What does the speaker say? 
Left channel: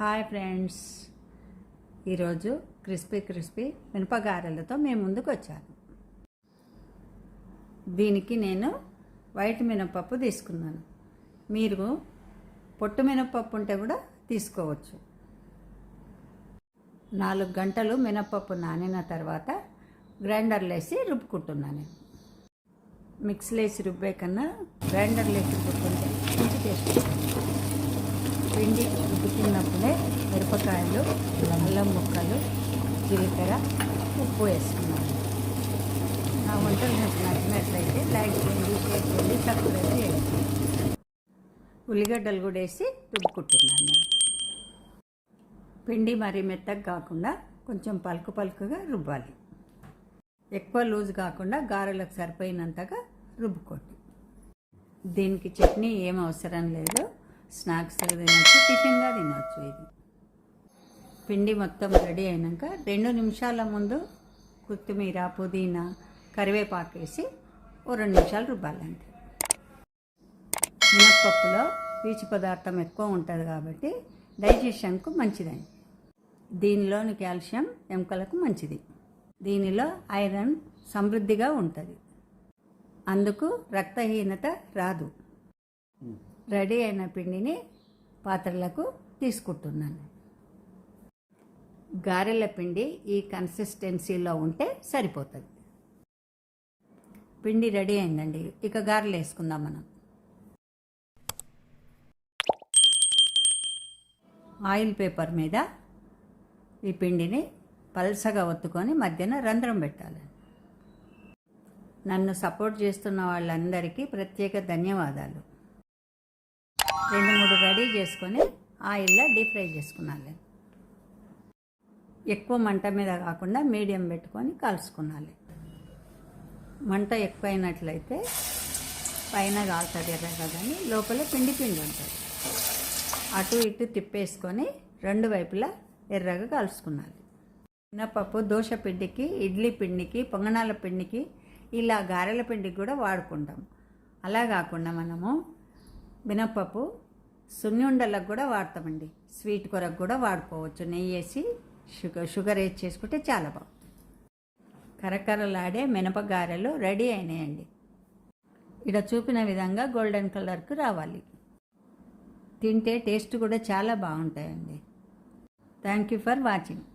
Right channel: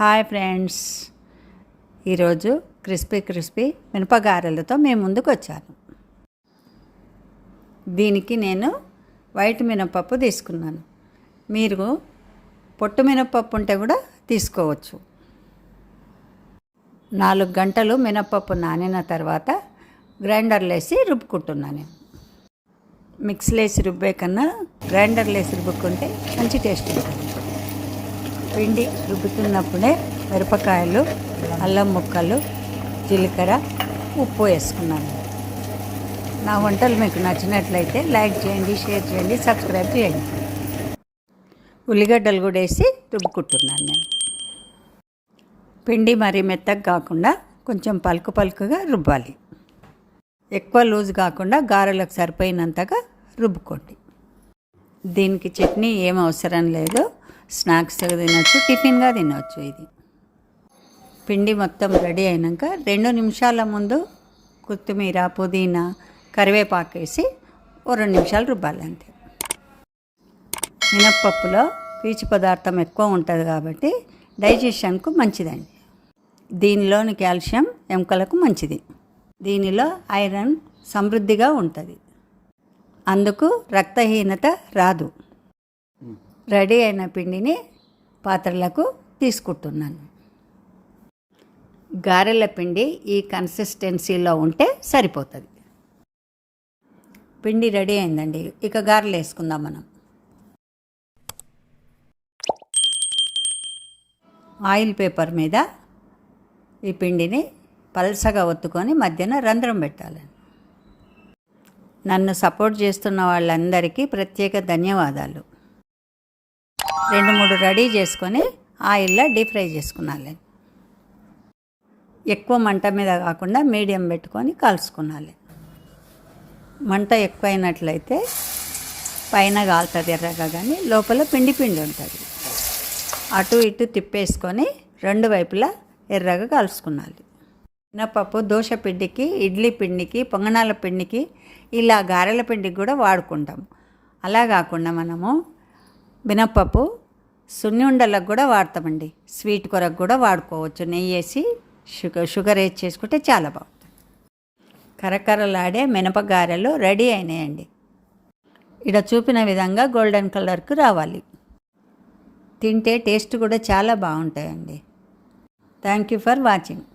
Hi friends, ఈరోజు crispy మినపగారెలతో మేము ముందుకు వచ్చాను. దీనికి నేను వైట్ మినపప్పు తీసుకున్నాను. మీరు పొట్టు మినపప్పు ఉంటే కూడా తీసుకోవచ్చు. 4 గంటలు మినపప్పు నానిన తర్వాత గ్రైండర్లో వేసి రుబ్బుకుంటున్నాను. మిక్సీలో వేసి రుబ్బే కన్నా గ్రైండర్లో వేసి రుబ్బుకుంటే మంచి టేస్ట్ ఉంటుంది. పిండి రుబ్బుతున్నప్పుడే మిరపకాయలు, అల్లం ముక్కలు, జీలకర్ర, ఉప్పు వేసుకున్నాను. నా వంటలు మీకు నచ్చినట్లయితే లైక్ చేయండి, షేర్ చేయండి, సబ్స్క్రైబ్ చేయండి. ఉల్లిగడ్డలు కూడా వేసి రుబ్బుకుంటున్నాను నేను. పిండి మరీ మెత్తగా కాకుండా కొంచెం పలుకుగా రుబ్బాలి. ఎక్కువ లూజ్ కాకుండా గారెలకు సరిపోయినంతగా రుబ్బుకోండి. దీనికి చట్నీ ఏం అవసరం లేదు. స్నాక్స్గా తినవచ్చు, టిఫిన్గా తినవచ్చు. ఇది పిండి మొత్తం రెడీ అయినాక 2 నిమిషాల ముందు కొత్తిమీర, పుదీనా, కరివేపాకు వేసి 2 నిమిషాలు రుబ్బాలి అంతే. మినప్పప్పులో పీచు పదార్థం ఎక్కువ ఉంటుంది కాబట్టి డైజెషన్కు మంచిదండి. దీనిలోని కాల్షియం ఎముకలకు మంచిది. దీనిలో ఐరన్ సమృద్ధిగా ఉంటుంది, అందుకు రక్తహీనత రాదు. రెడీ అయిన పిండిని పాత్రలకు తీసుకుంటున్నాను. గారెల పిండి ఈ కన్సిస్టెన్సీలో ఉంటే సరిపోతుంది. పిండి రెడీ అయిందండి. ఇక గారెలు వేసుకుందాం మనం. ఆయిల్ పేపర్ మీద ఈ పిండిని పల్సగా ఒత్తుకొని మధ్యన రంధ్రం పెట్టాలి. నన్ను సపోర్ట్ చేస్తున్న వాళ్ళందరికీ ప్రత్యేక ధన్యవాదాలు. 2-3 రెడీ చేసుకొని ఆయిల్లో డీప్ ఫ్రై చేసుకున్నాలి. ఎక్కువ మంట మీద కాకుండా మీడియం పెట్టుకొని కాల్చుకున్నాలి. మంట ఎక్కువైనట్లయితే పైన కాలుతుంది ఎర్రగా, కానీ లోపల పిండి ఉంటుంది. అటు ఇటు తిప్పేసుకొని 2 వైపులా ఎర్రగా కాల్చుకున్నాలి. మినపప్పు దోశ పిండికి, ఇడ్లీ పిండికి, పొంగనాల పిండికి, ఇలా గారెల పిండికి కూడా వాడుకుంటాం. అలా కాకుండా మనము మినపప్పు సున్నుండలకు కూడా వాడతామండి. స్వీట్ కొరకు కూడా వాడుకోవచ్చు. నెయ్యి వేసి షుగర్ వేసి చేసుకుంటే చాలా బాగుంటుంది. కరకరలాడే మినపగారెలు రెడీ అయినాయండి. ఇక్కడ చూపిన విధంగా గోల్డెన్ కలర్కు రావాలి. తింటే టేస్ట్ కూడా చాలా బాగుంటాయండి. Thank you for watching.